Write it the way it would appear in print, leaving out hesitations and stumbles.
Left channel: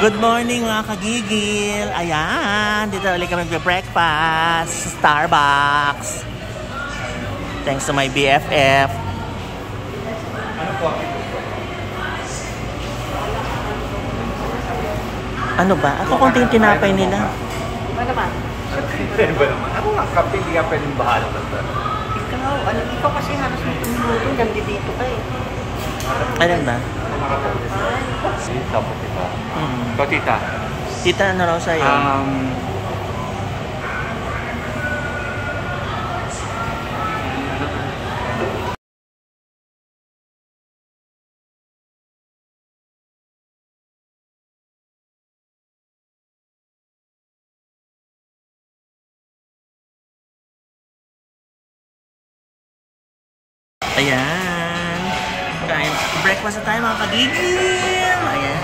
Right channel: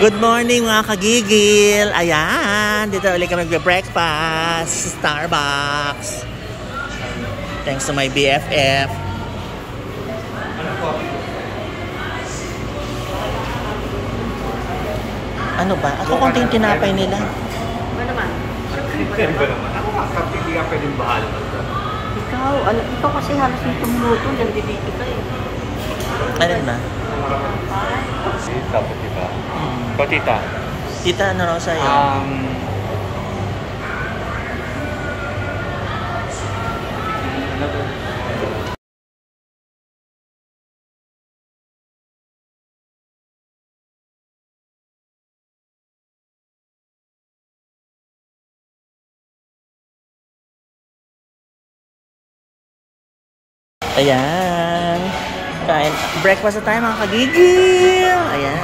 Good morning mga kagigil. Ayan, dito ulit kami mag-breakfast sa Starbucks. Thanks to my BFF. Ano ba? Ako konti yung tinapay nila. Ba naman? Siyempre ba naman? Kapit iya pwedeng bahala ka. Ikaw kasi halos dito minuto, nandito ka eh. Ano ba? Tinapay. Tita po tita. Ito tita. Tita, ano raw sa'yo? Ayan. Kain. Breakfast na tayo mga kagigil. Ayan.